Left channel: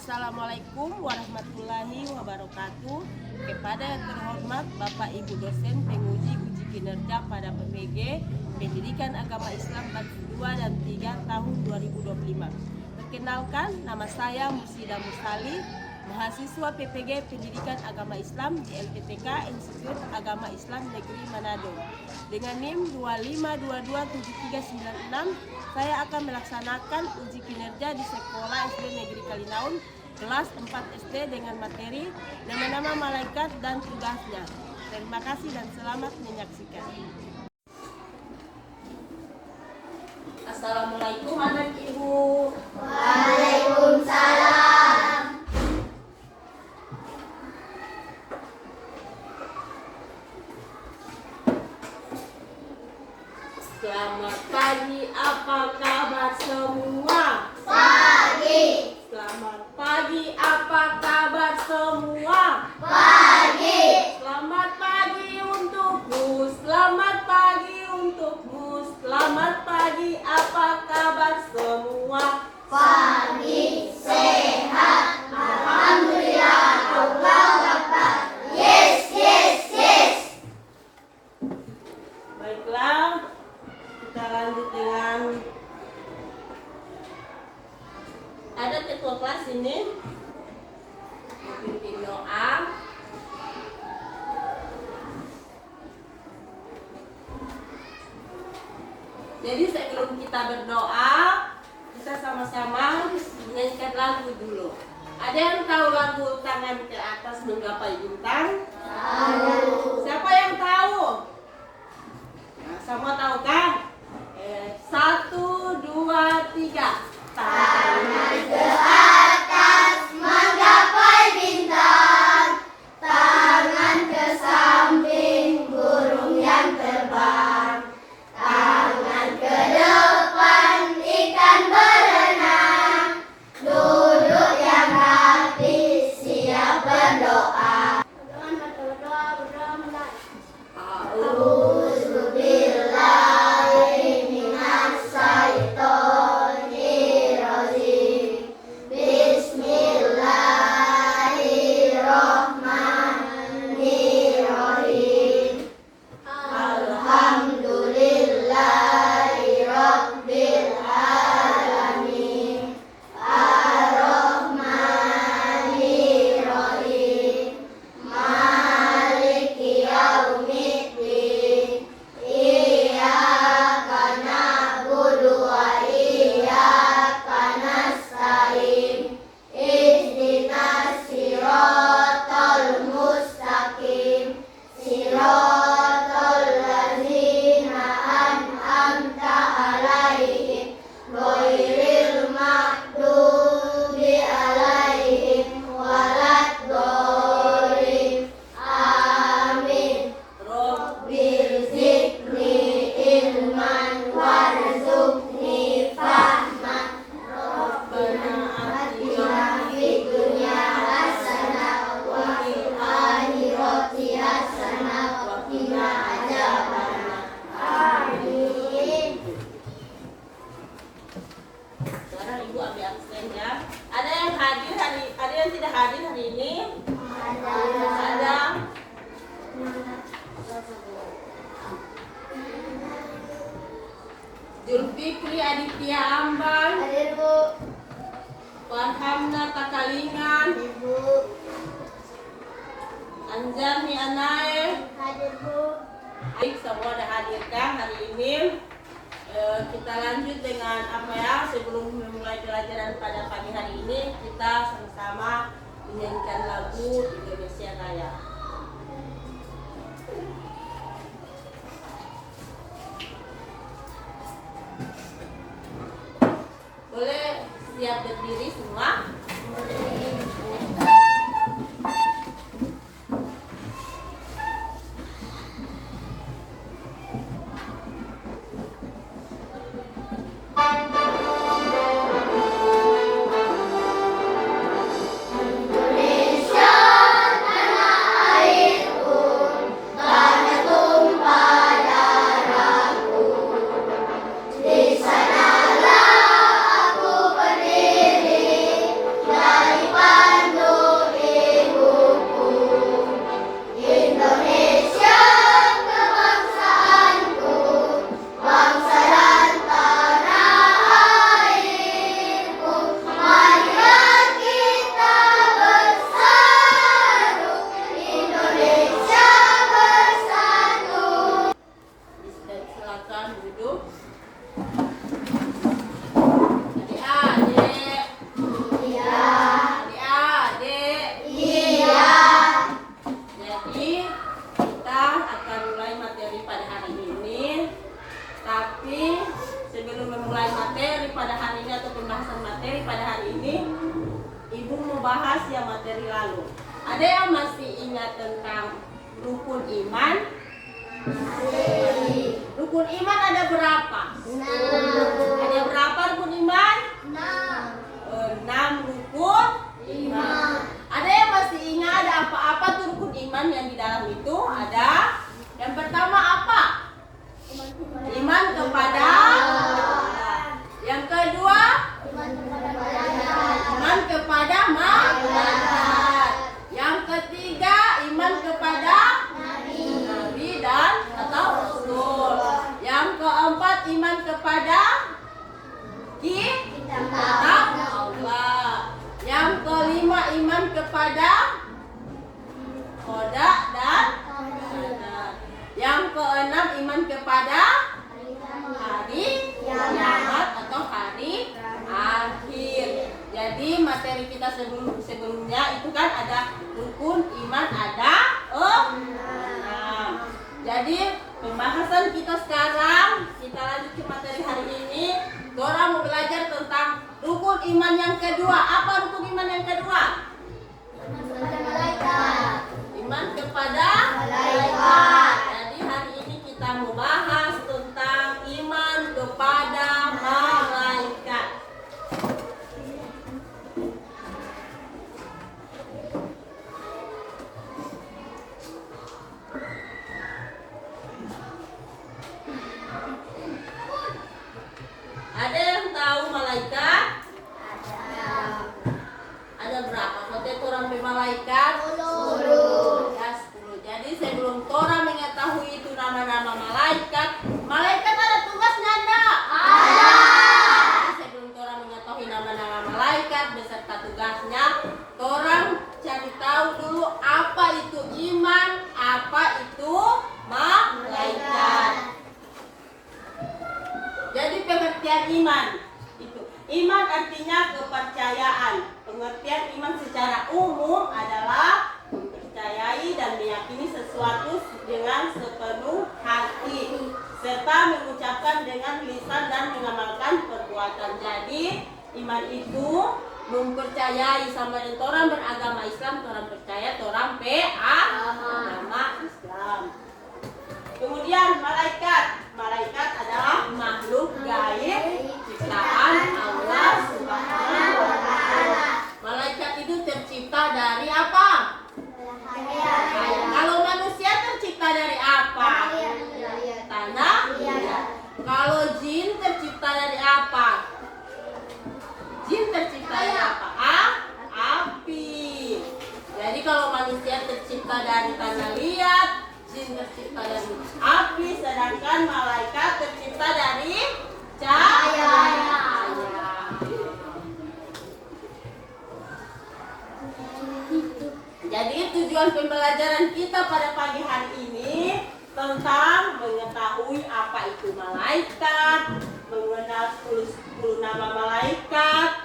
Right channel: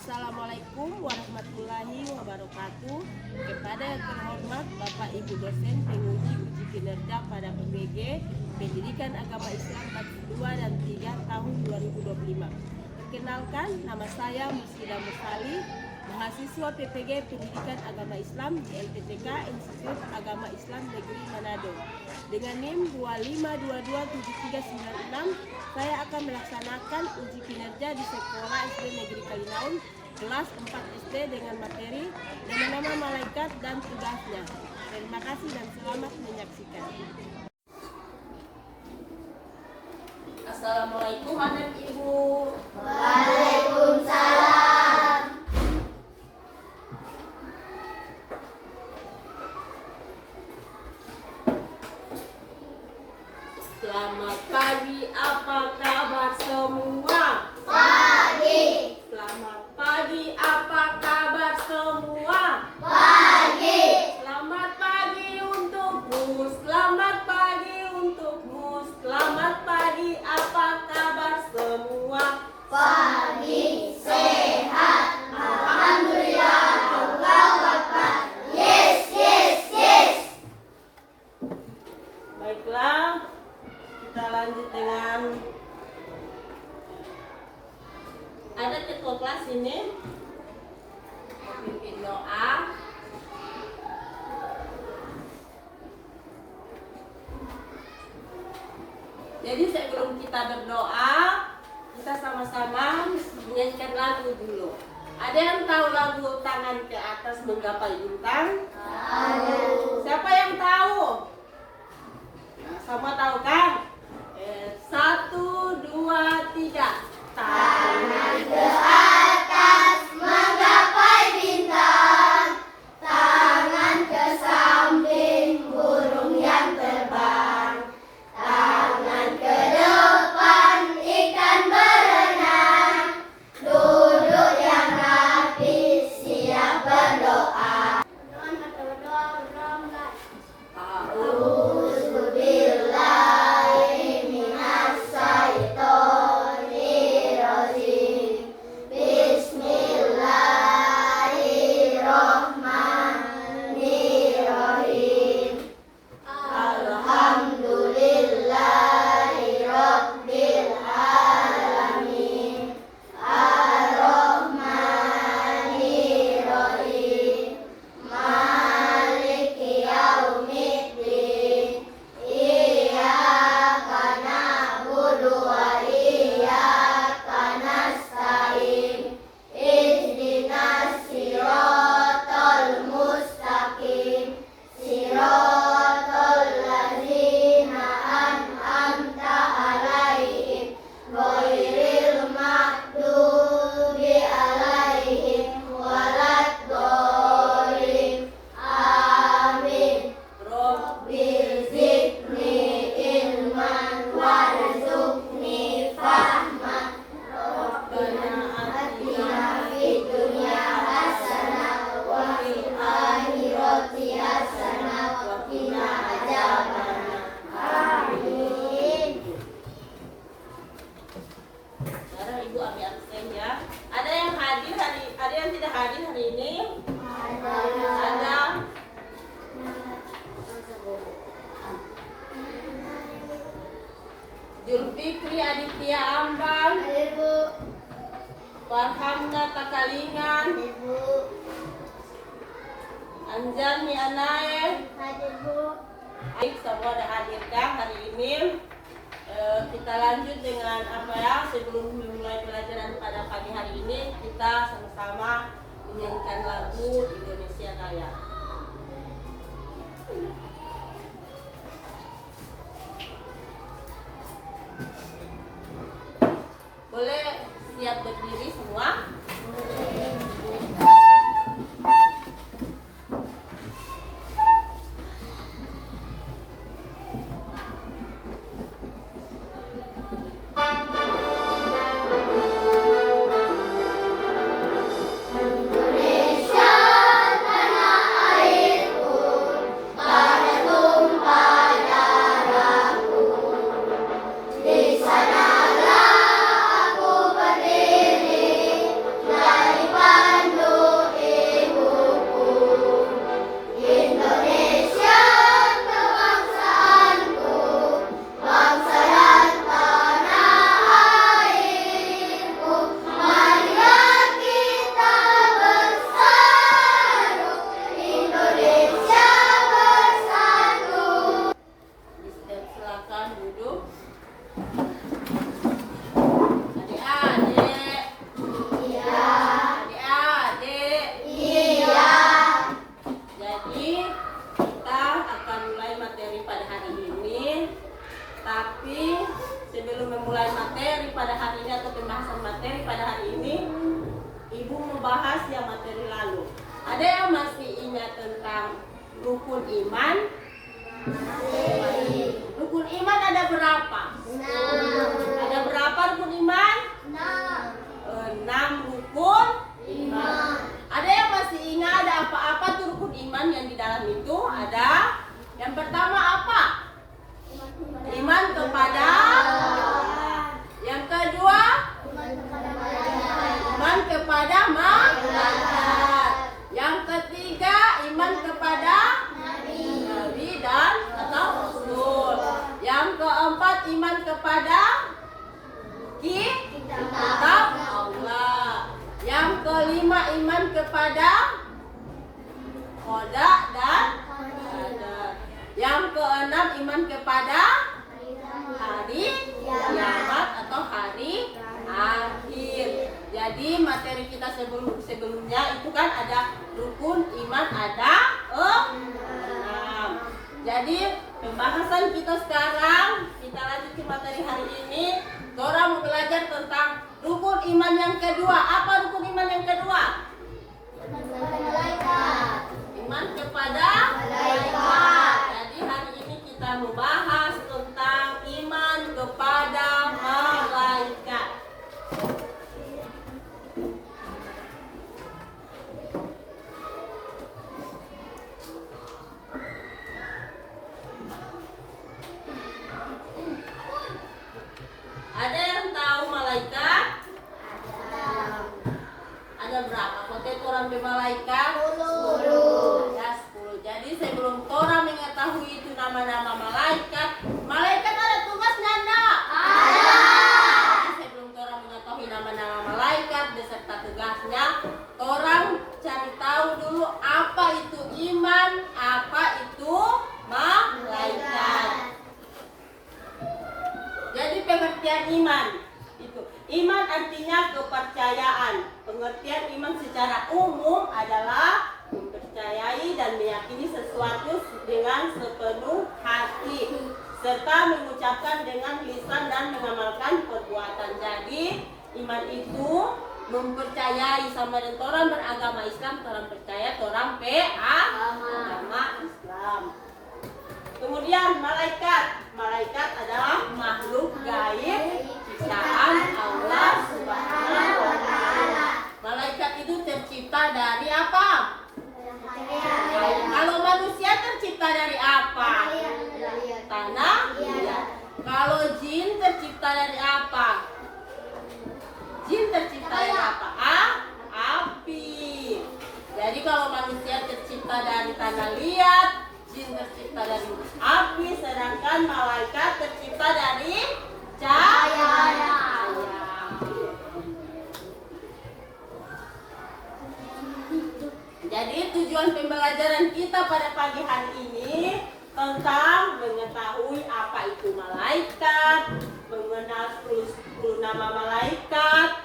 Assalamualaikum warahmatullahi wabarakatuh. Kepada yang terhormat Bapak Ibu dosen penguji uji kinerja pada PPG Pendidikan Agama Islam Batch 2 dan 3 tahun 2025. Perkenalkan, nama saya Musida Musali, mahasiswa PPG Pendidikan Agama Islam di LPTK Institut Agama Islam Negeri Manado. Dengan NIM 2522739, saya akan melaksanakan uji kinerja di Sekolah SD Negeri Kalinaun kelas 4 SD dengan materi nama-nama malaikat dan tugasnya. Terima kasih dan selamat menyaksikan. Assalamualaikum anak ibu. Waalaikumsalam. Selamat pagi, apa kabar semua? Pagi. Selamat pagi, apa kabar semua? Pagi. Selamat pagi untukmu, selamat pagi untukmu, selamat pagi, apa kabar semua? Pagi. Sehat. Alhamdulillah. Allahu Akbar. Yes, yes, yes. Baiklah, kita lanjut dengan ada ketua kelas ini memimpin doa. Jadi sebelum kita berdoa, kita sama-sama menyanyikan lagu dulu. Ada yang tahu lagu Tangan ke Atas Menggapai Bintang? Tahu. Siapa yang tahu? Nah, semua tahu kan? 1, 2, 3. Tangan ke atas menggapai bintang, tangan ke samping burung yang terbang, tangan ke depan ikan berenang, duduk yang rapi siap berdoa. A'udzubillahi minas syaitonir rajim. Bismillahirrahmanirrahim. Alhamdulillahi rabbil alamin. Ar-Rahmanir-Rahim. Maliki yaumiddin. Iyyaka na'budu wa iyyaka nasta'in. Ihdinas siratal mustaqim. Siratal ladzina an'amta 'alaihim ghairil maghdubi 'alaihim waladdallin. Amin. Rabbil zidni ilman warzuqni fahman. Rabbana atina fid dunya hasanah wa fil akhirati hasanah wa qina adzabannar. Amin. Sekarang ibu ambil absen ya. Ada yang hadir ada yang tidak hadir hari ini? Ada. Julfikri Aditya Ambang, Hadir, Bu. Farhamna Takalingan, Ibu. Anjarni Anae. Hadir, Bu. Baik, semua ada hadirkan hari ini. Kita lanjut dengan apa ya? Sebelum memulai pelajaran pada pagi hari ini, kita sama-sama menyanyikan lagu Indonesia Kaya. Boleh siap berdiri semua? Indonesia tanah airku, tanah tumpah darahku. Di sanalah aku berdiri, dari materi pada hari ini atau pembahasan materi pada hari ini, Ibu membahas yang materi lalu. Ada yang masih ingat tentang rukun iman? Rukun iman ada berapa? 6. Ada berapa rukun iman? 6. 6 rukun iman. Ada yang masih ingat ada apa-apa tuh rukun iman yang di dalam itu? Ada. Yang pertama apa? Iman kepada Allah. Yang kedua, iman kepada malaikat. Yang ketiga, iman kepada nabi dan atau rasul. Yang keempat, iman kepada kitab Allah. Yang kelima, iman kepada qada dan qadar. Yang keenam, iman kepada hari kiamat atau hari akhir. Jadi materi kita sebelumnya itu kan ada rukun iman ada 6. Jadi pembahasan kita sekarang, kita lanjutin materi hari ini. Dora mau belajar tentang rukun iman yang kedua. Apa rukun iman yang kedua? Iman kepada malaikat. Jadi hari ini kita mau bahas tentang iman kepada malaikat. Ada yang tahu malaikat? Ada berapa? Potensi orang bermalaikat? 10. Ya, 10. Jadi sebelum orang mengetahui itu nama-nama malaikat, malaikat ada tugas nggak? Ada. Sebelum orang mengetahui nama-nama malaikat beserta tugasnya, orang cari tahu dulu apa itu iman, apa itu malaikat. Jadi pengertian iman itu, iman artinya kepercayaan. Pengertian iman secara umum adalah mempercayai dan meyakini sesuatu dengan sepenuh hati serta mengucapkan dengan lisan dan mengamalkan perbuatan. Jadi iman itu mempercayai sama dengan orang beragama Islam, orang percaya orang agama Islam. Kemudian malaikat adalah makhluk gaib ciptaan Allah Subhanahu wa taala. Malaikat itu tercipta dari apa? Kalau manusia tercipta dari apa? Tanah. Kalau jin tercipta dari apa? Jin tercipta dari apa? Api. Jadi kalau manusia tercipta dari tanah liat, jin tercipta dari api, sedangkan malaikat tercipta dari cahaya. Jadi tujuan pembelajaran kita pada pagi hari ini tentang mengetahui apa itu malaikat, mengenal 10 nama malaikat,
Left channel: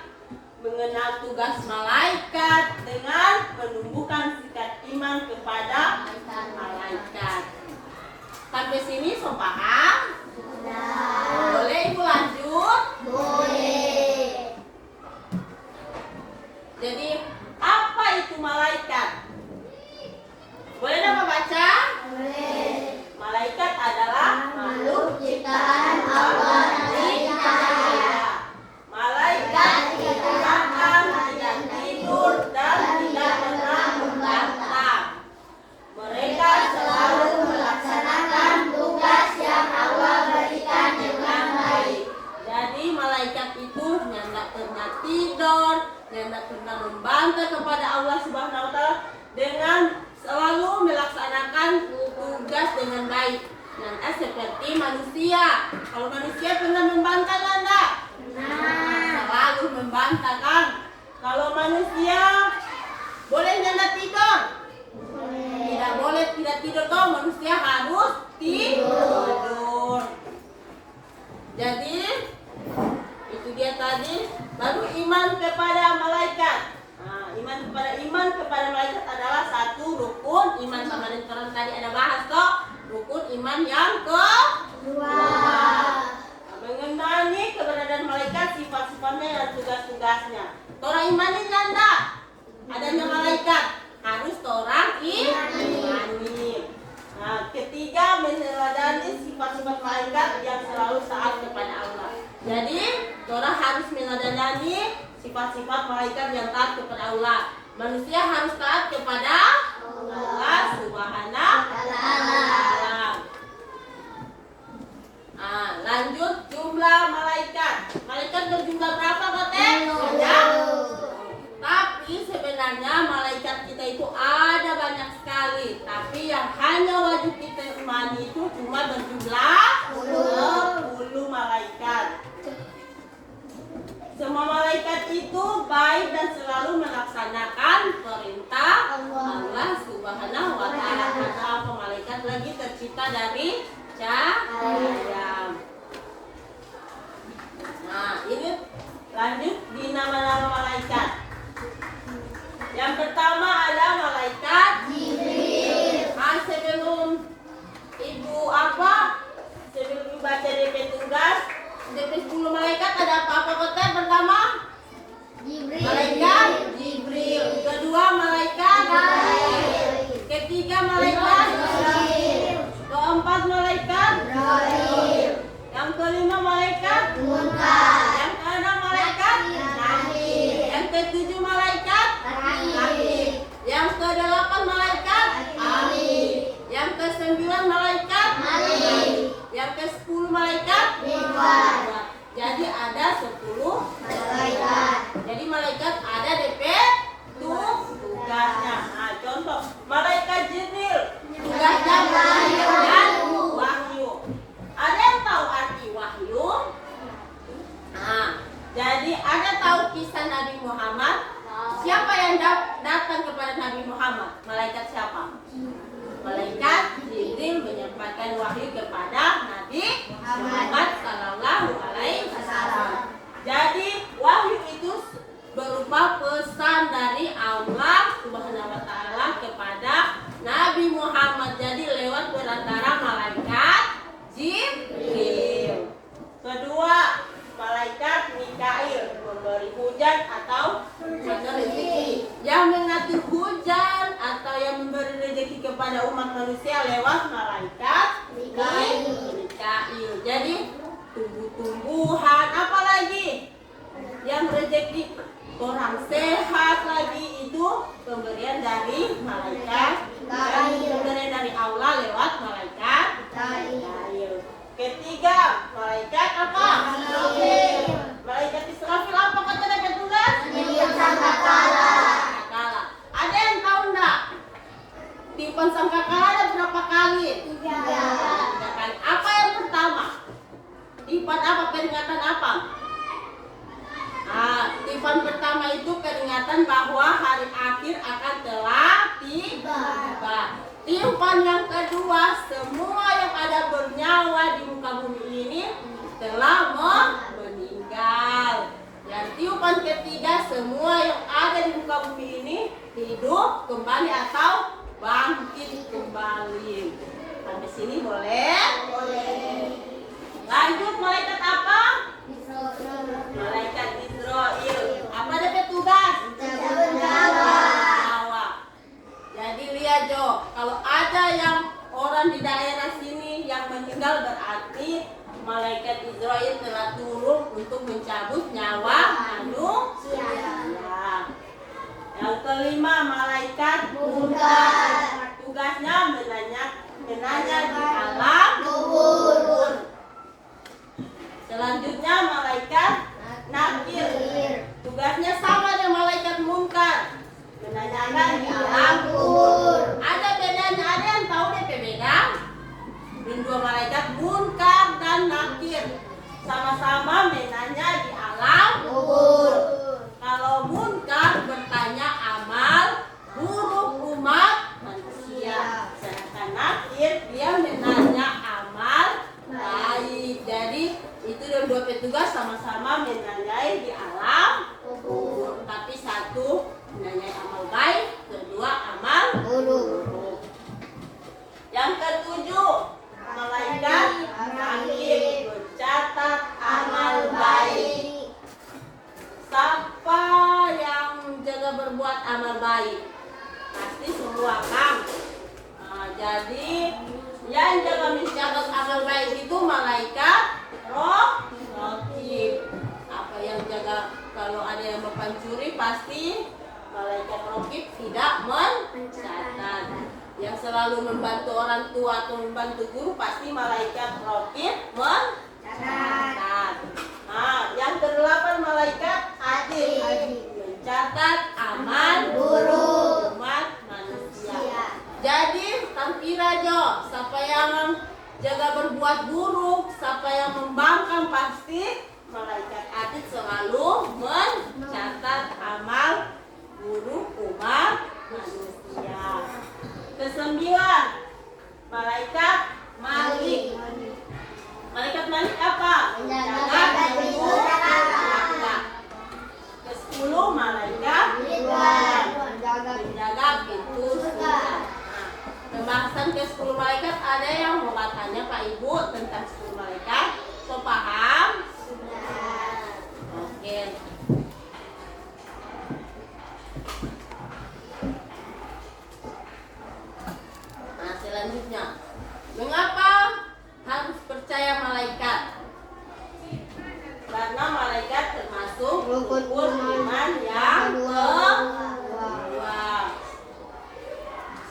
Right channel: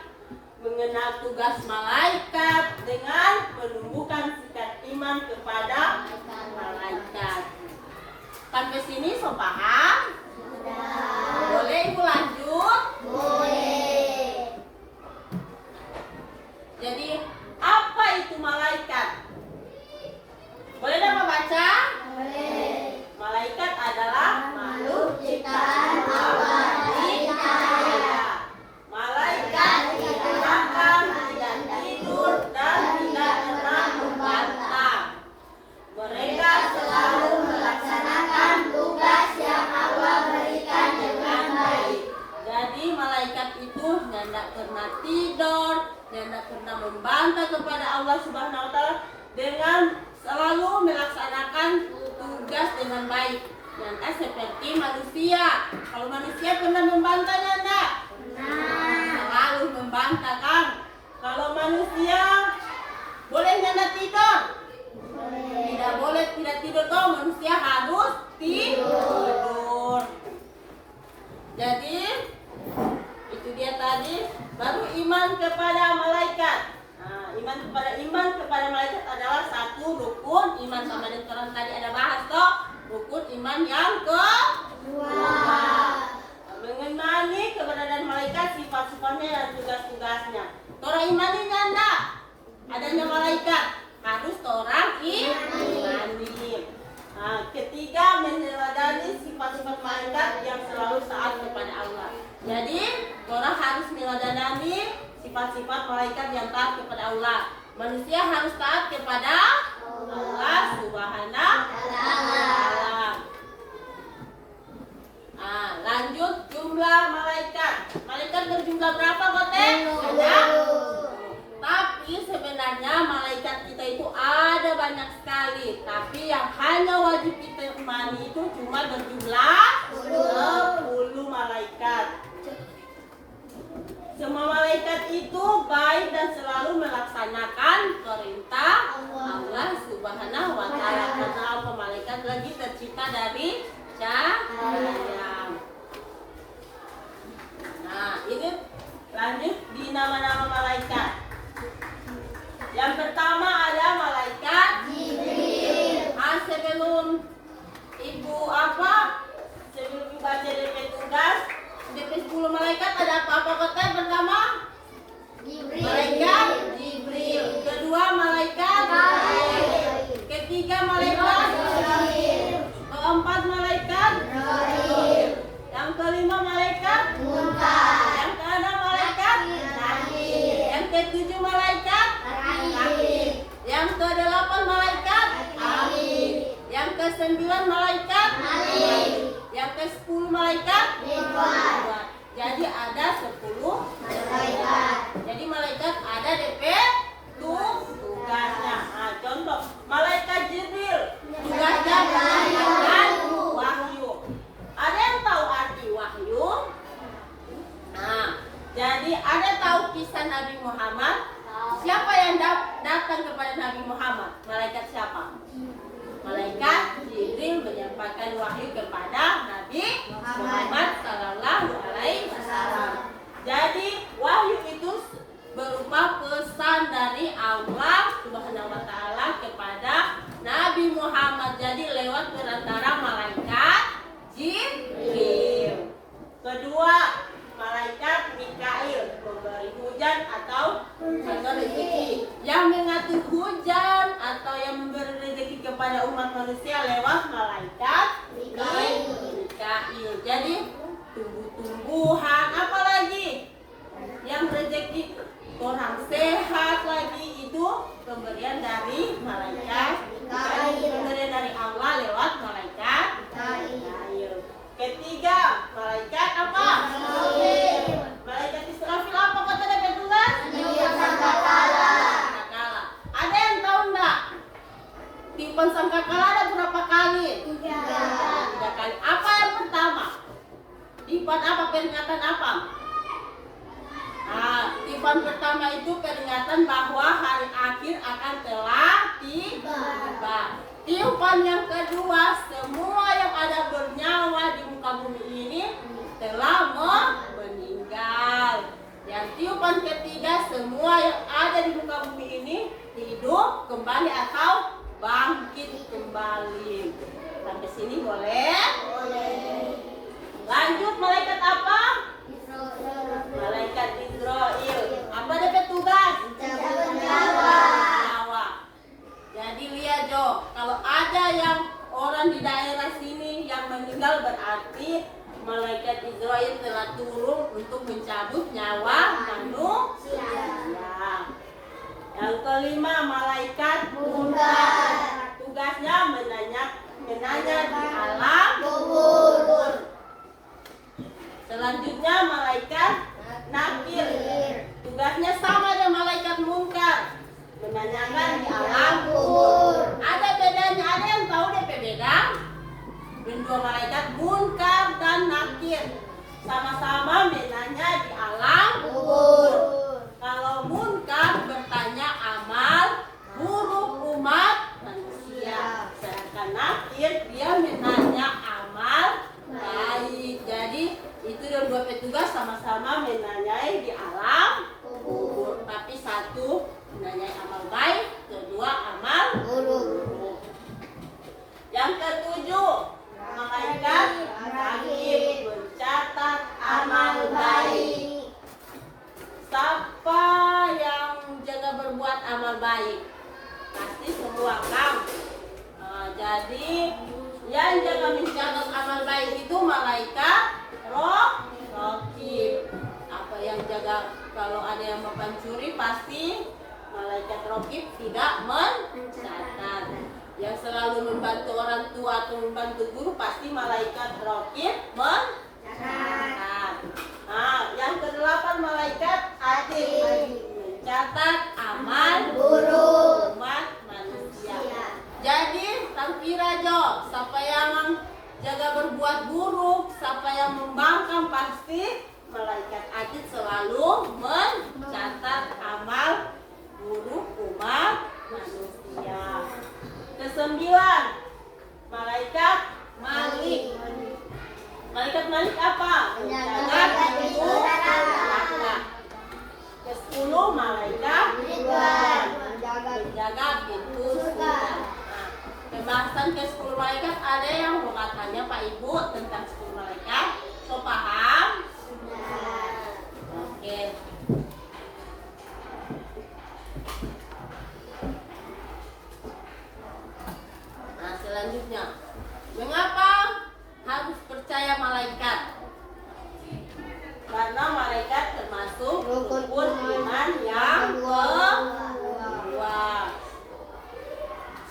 mengenal tugas malaikat dengan menumbuhkan sikap iman kepada malaikat. Sampai sini so paham? Boleh Ibu lanjut? Boleh. Jadi apa itu malaikat? Boleh nama baca? Boleh. Malaikat adalah makhluk Ciptaan Allah di cahaya. Malaikat tidak makan, tidak tidur, dan tidak pernah membantah. Mereka selalu melaksanakan tugas yang Allah berikan dengan baik. Jadi malaikat itu tidak pernah tidur, tidak pernah membantah kepada Allah Subhanahu wa taala, dengan selalu melaksanakan tugas dengan baik. Dan seperti manusia. Kalau manusia pernah membantah enggak? Selalu membantah kan? Kalau manusia boleh nggak tidur? Tidak boleh tidak tidur, kau manusia harus tidur. Jadi itu dia tadi. Baru iman kepada malaikat. Nah, iman kepada malaikat adalah satu rukun iman. Sama dengan orang tadi ada bahas toh, rukun iman yang kedua. Mengenali keberadaan tugasnya. Torang imani nyanda adanya malaikat, harus torang imani. Nah, ketiga, meneladani sifat-sifat malaikat yang selalu taat kepada Allah. Jadi torang harus meneladani sifat-sifat malaikat yang taat kepada Allah. Manusia harus taat kepada Allah Subhanahu wa Ta'ala. Lanjut jumlah malaikat. Malaikat berjumlah berapa, Kote? Ada. Tapi sebenarnya malaikat kita itu ada banyak sekali. Tapi yang hanya wajib kita imani itu cuma berjumlah 10 malaikat. Semua malaikat itu baik dan selalu melaksanakan perintah Allah Subhanahu wa Ta'ala. Karena malaikat lagi tercipta dari cahaya. Nah, ini lanjut di nama-nama malaikat. Yang pertama ada malaikat Jibril. Sebelum ibu sebelum ibu baca DP tugas, DP 10 malaikat ada apa-apa kota? Pertama malaikat Jibril. Kedua malaikat Mikail. Ketiga malaikat Jibril. Keempat malaikat Jibril. Yang kelima malaikat Munkar. Yang keenam malaikat Nakir. Yang ketujuh malaikat Nakir. Yang kedelapan malaikat Amin. Yang kesembilan malaikat Malik. Yang ke-10 malaikat Ridwan. Jadi ada 10 malaikat. Jadi malaikat ada DP tugasnya. Nah, contoh malaikat Jibril tugasnya melahirkan wahyu. Ada yang tahu arti wahyu? Nah, jadi ada tahu kisah Nabi Muhammad? Siapa yang datang kepada Nabi Muhammad? Malaikat siapa? Malaikat Jibril menyampaikan wahyu kepada Nabi Muhammad Sallallahu Alaihi Wasallam. Jadi wahyu itu berupa pesan dari Allah Subhanahu Wa Taala kepada Nabi Muhammad. Jadi lewat perantara malaikat Jibril. Kedua, malaikat Mikail, pemberi hujan atau rezeki, yang mengatur hujan atau yang memberi rezeki kepada umat manusia lewat malaikat Mikail. Jadi tumbuh-tumbuhan, apalagi yang rezeki orang sehat lagi, itu pemberian dari malaikat Mikail, pemberian dari Allah lewat malaikat Mikail. Ketiga, malaikat apa? Israfil. Malaikat Israfil apa kata dapat tugas? Sangkakala. Ada yang tahu enggak? Tipen sangkakala ada berapa kali? 3 kali. Apa yang pertama? Tipen apa? Peringatan apa? Tipen pertama itu peringatan bahwa hari akhir akan telah tiba. Tiupan yang kedua, semua yang ada bernyawa di muka bumi ini telah meninggal. Yang tiupan ketiga, semua yang ada di muka bumi ini hidup kembali atau bangkit kembali. Sampai sini boleh? Boleh. Lanjut, malaikat apa? Malaikat Israel. Apa dapat tugas? Jadi lihat Jo, kalau ada yang orang di daerah sini yang meninggal, berarti malaikat Israel telah turun untuk mencabut nyawa manusia. Yang kelima, malaikat Munkar. Tugasnya menanya di alam kubur. Selanjutnya malaikat Nakir. Tugasnya sama dengan malaikat Munkar, menanyakan di alam kubur. Ada bedanya, ada yang tahu DP beda? Dua malaikat Munkar dan Nakir sama-sama menanya di alam kubur. Kalau Munkar bertanya amal buruk umat manusia, sedangkan Nakir dia menanya amal baik. Jadi itu dua petugas sama-sama menanyai di alam kubur, tapi satu menanyai amal baik, kedua amal buruk. Yang ketujuh, malaikat Nakir mencatat amal baik. pencuri pasti malaikat raqib tidak mencatat. Yang selalu membantu orang tua atau membantu guru pasti malaikat raqib mencatat. Nah, yang kedelapan malaikat adil, mencatat amal Guru. umat manusia. Jadi tampira Jo, siapa yang jaga berbuat buruk, siapa yang membangkang pasti malaikat adil selalu mencatat amal buruk umat manusia. Kesembilan, malaikat Malik. Malaikat Malik apa? Menjaga pintu neraka. Ke-10 malaikat Ridwan, menjaga pintu surga. Pembahasan ke-10 malaikat ada yang mau tanya Pak Ibu tentang 10 malaikat? So paham? Oke. Nah, selanjutnya, mengapa harus percaya malaikat? Karena malaikat termasuk rukun iman yang kedua.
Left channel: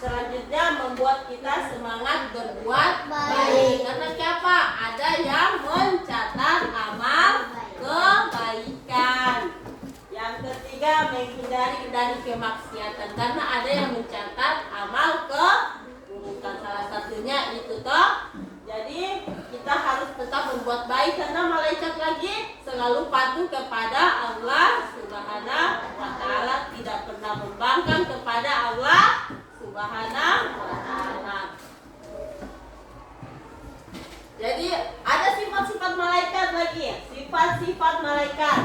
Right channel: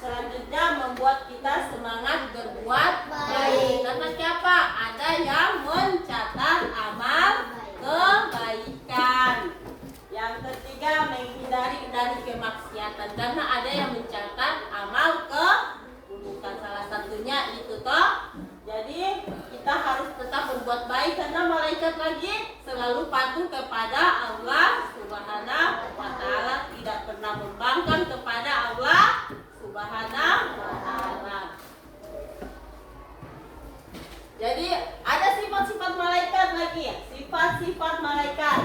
Selanjutnya membuat kita semangat berbuat baik. Karena siapa? Ada yang mencatat amal kebaikan. Yang ketiga menghindari dari kemaksiatan. Karena ada yang mencatat amal keburukan. Salah satunya itu toh. Jadi kita harus tetap berbuat baik karena malaikat lagi selalu patuh kepada Allah Subhanahu wa taala, tidak pernah membangkang kepada Allah Subhanahu wa taala. Jadi ada sifat-sifat malaikat lagi. Sifat-sifat malaikat.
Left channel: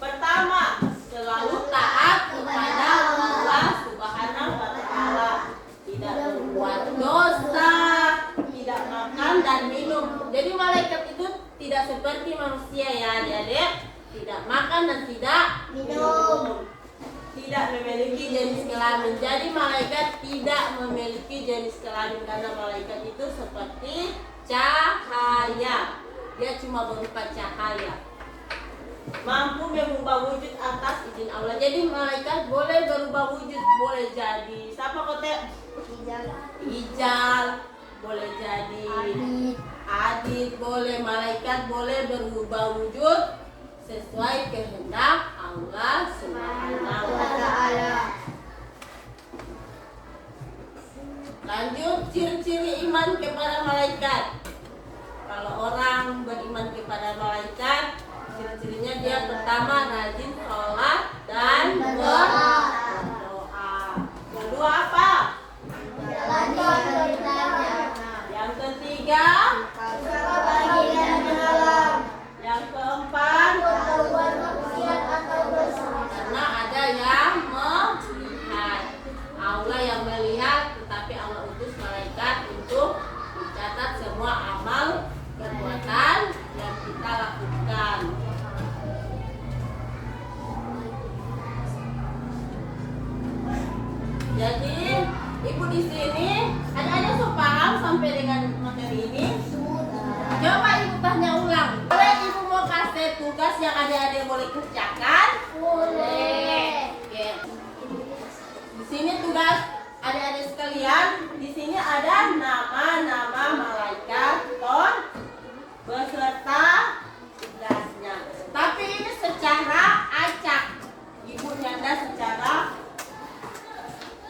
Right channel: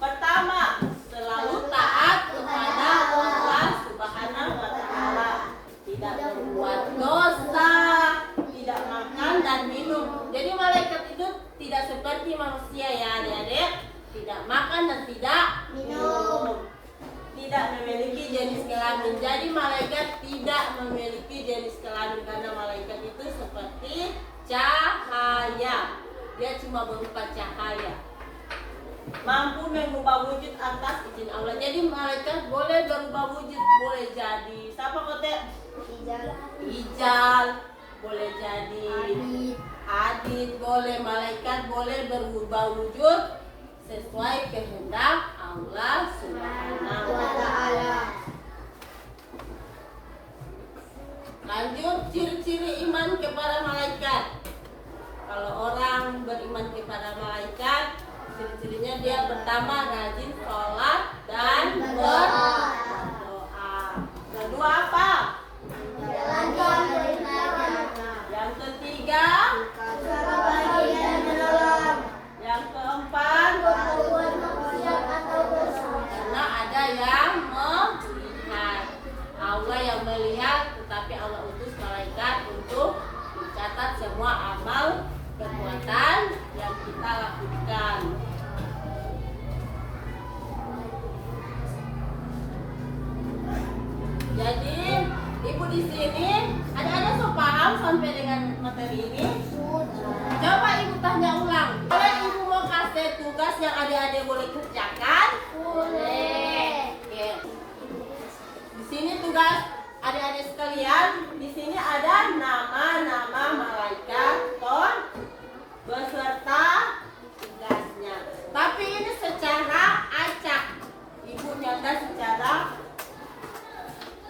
Pertama, selalu taat kepada Allah Subhanahu wa taala. Tidak berbuat dosa, tidak makan dan minum. Jadi malaikat itu tidak seperti manusia ya adik-adik. Tidak makan dan tidak minum. Tidak memiliki jenis kelamin. Jadi malaikat tidak memiliki jenis kelamin karena malaikat itu seperti cahaya. Dia cuma berupa cahaya. Mampu mengubah wujud atas izin Allah. Jadi malaikat boleh berubah wujud, boleh jadi siapa kote? Hijal, boleh jadi Adit, boleh malaikat boleh berubah wujud sesuai kehendak Allah Subhanahu wa taala. Lanjut ciri-ciri iman kepada malaikat. Kalau orang beriman kepada malaikat, ciri-cirinya dia pertama rajin sholat dan berdoa. Kedua apa? Yang ketiga, yang keempat, karena ada yang melihat. Allah yang melihat, tetapi Allah utus malaikat untuk mencatat semua amal perbuatan yang kita lakukan. Jadi ibu di sini ada so paham sampai dengan materi ini? Coba ibu tanya ulang. Boleh ibu mau kasih tugas yang adik-adik boleh kerjakan? Boleh. Oke. Di sini tugas adik-adik sekalian. Di sini ada nama-nama malaikat beserta tugasnya. Tapi ini secara acak. Ibu nyata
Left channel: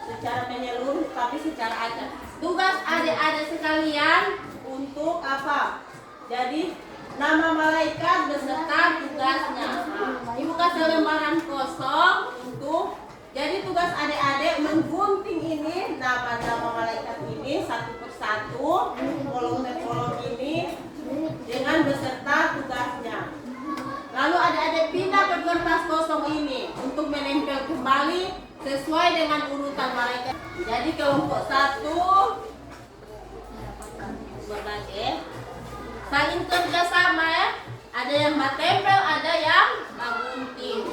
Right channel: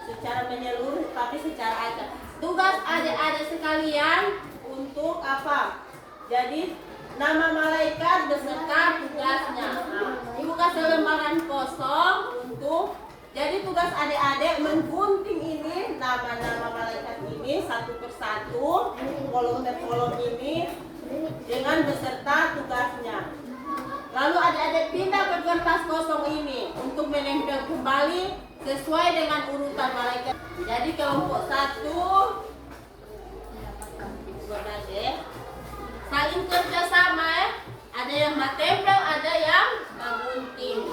secara menyeluruh, tapi secara acak. Tugas adik-adik sekalian untuk apa? Jadi nama malaikat beserta tugasnya. Nah, ibu kasih lembaran kosong untuk. Jadi tugas adik-adik menggunting ini nama-nama malaikat ini satu persatu, kolom per kolom ini dengan beserta tugasnya. Lalu adik-adik pindah ke kertas kosong ini untuk menempel kembali sesuai dengan urutan malaikat. Jadi kelompok 1 berbagai saling kerjasama ya. Ada yang batempel, ada yang gunting.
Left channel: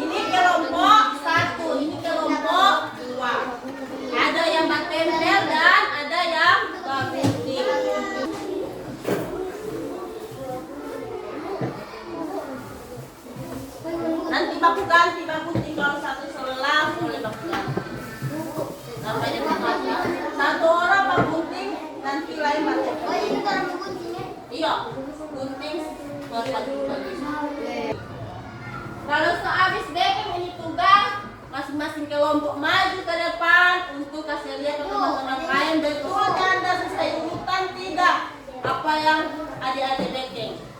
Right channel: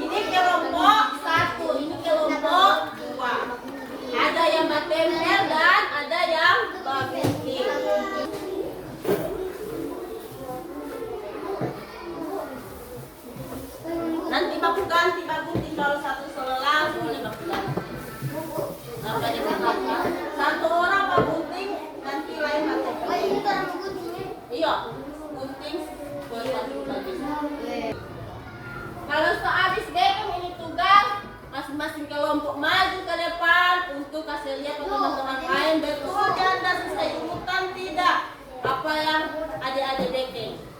Ini kelompok 1, ini kelompok 2. Ada yang batempel dan ada yang gunting. Kalau sehabis BKM ini tugas, masing-masing kelompok maju ke depan untuk kasih lihat ke teman-teman lain betul Anda selesai urutan tidak apa yang adik-adik BKM.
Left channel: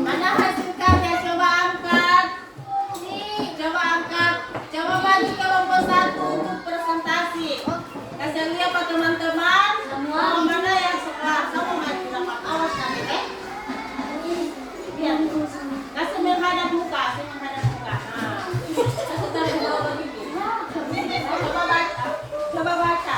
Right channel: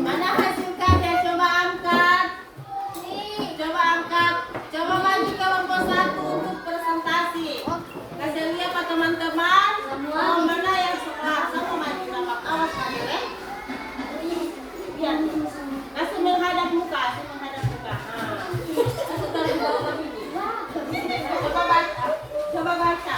Mana hasil karya? Coba angkat. Coba angkat. Coba bagi kelompok satu untuk presentasi. Kasih lihat pak teman-teman. Mana yang sekolah sama maju dapat awas tadi biar kasih menghadap muka, kasih tarik bawah ini. Coba baca. Coba baca.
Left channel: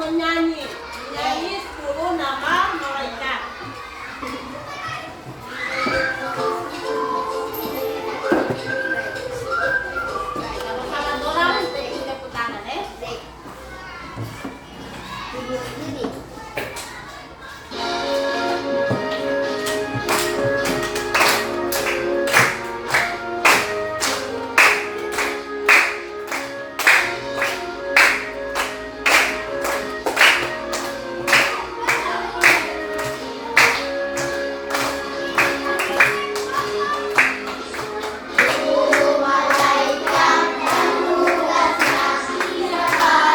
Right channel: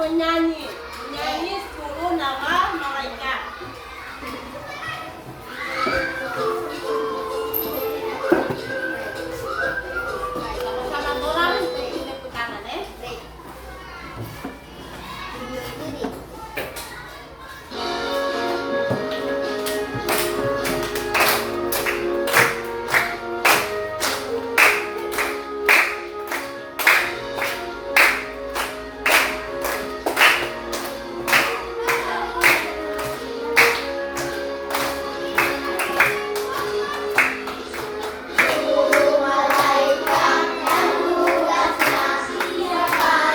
Menyanyi 10 nama malaikat. Sama-sama orang tepuk tangan ya. Malaikat dan tugas siapa?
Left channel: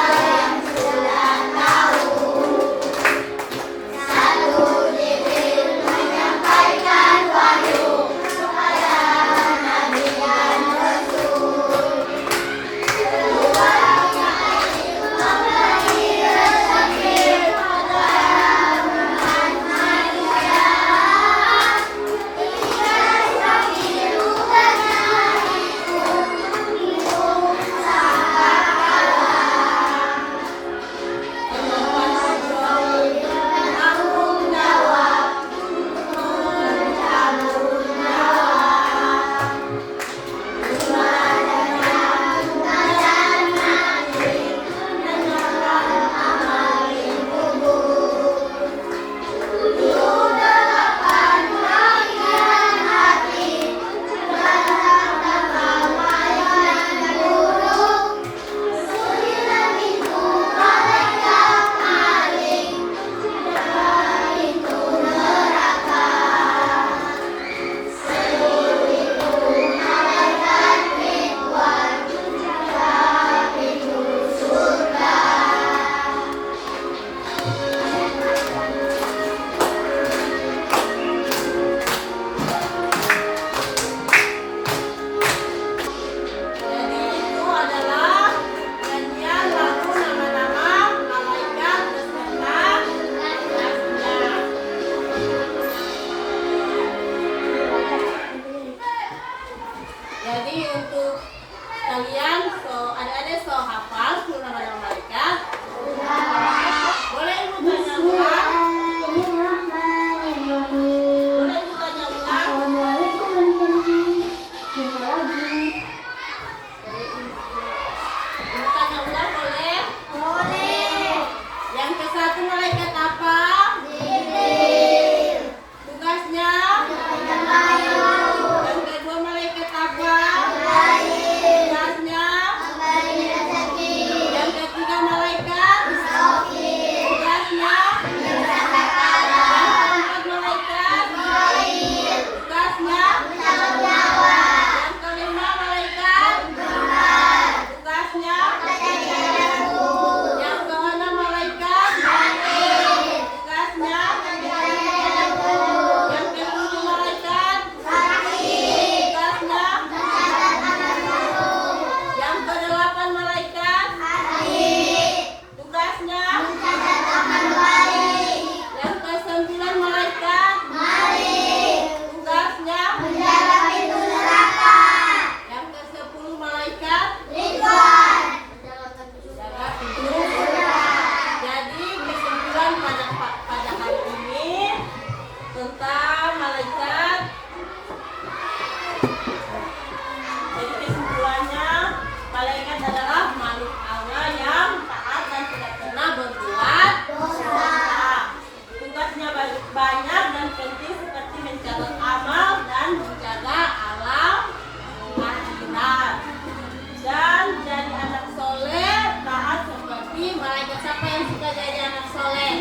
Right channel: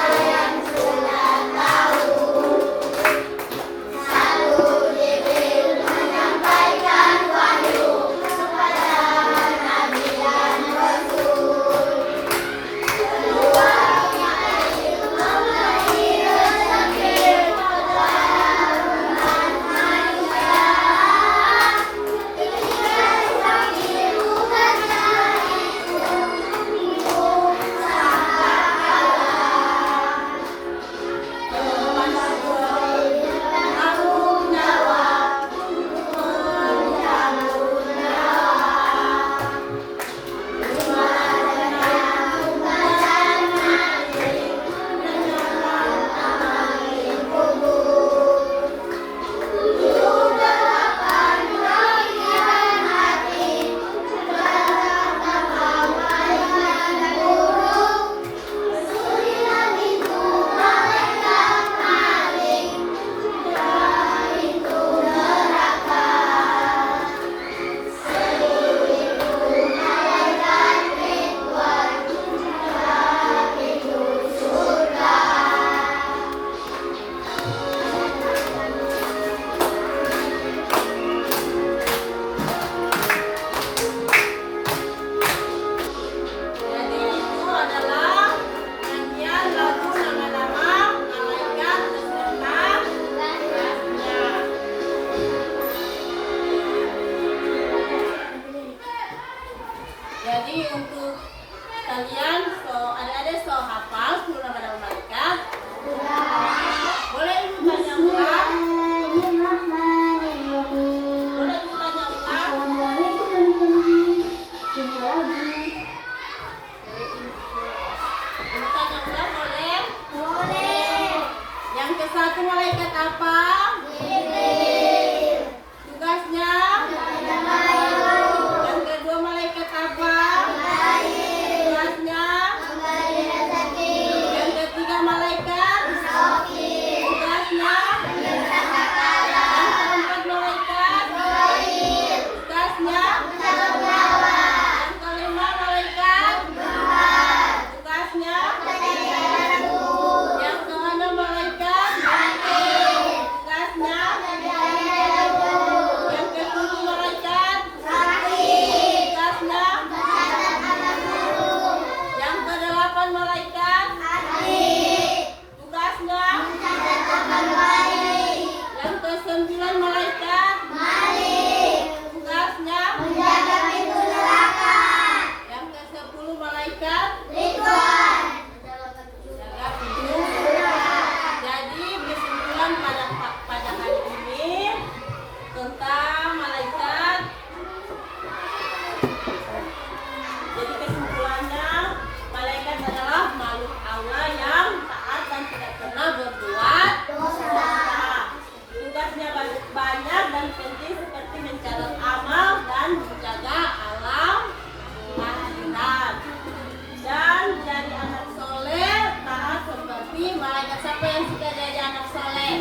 malaikat. Siapa yang suka jadi anak soleh?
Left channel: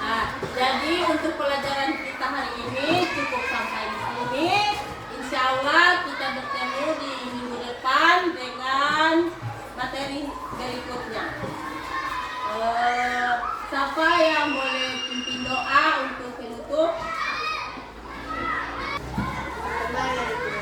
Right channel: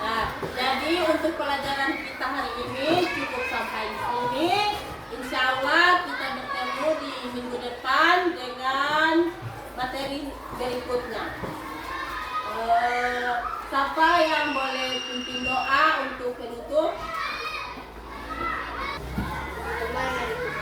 Nah, jadi untuk pelajaran kita hari ini cukup sampai di sini. Insya Allah kita bertemu di minggu depan dengan materi berikutnya. Siapa yang boleh pimpin doa untuk penutup? Kembali.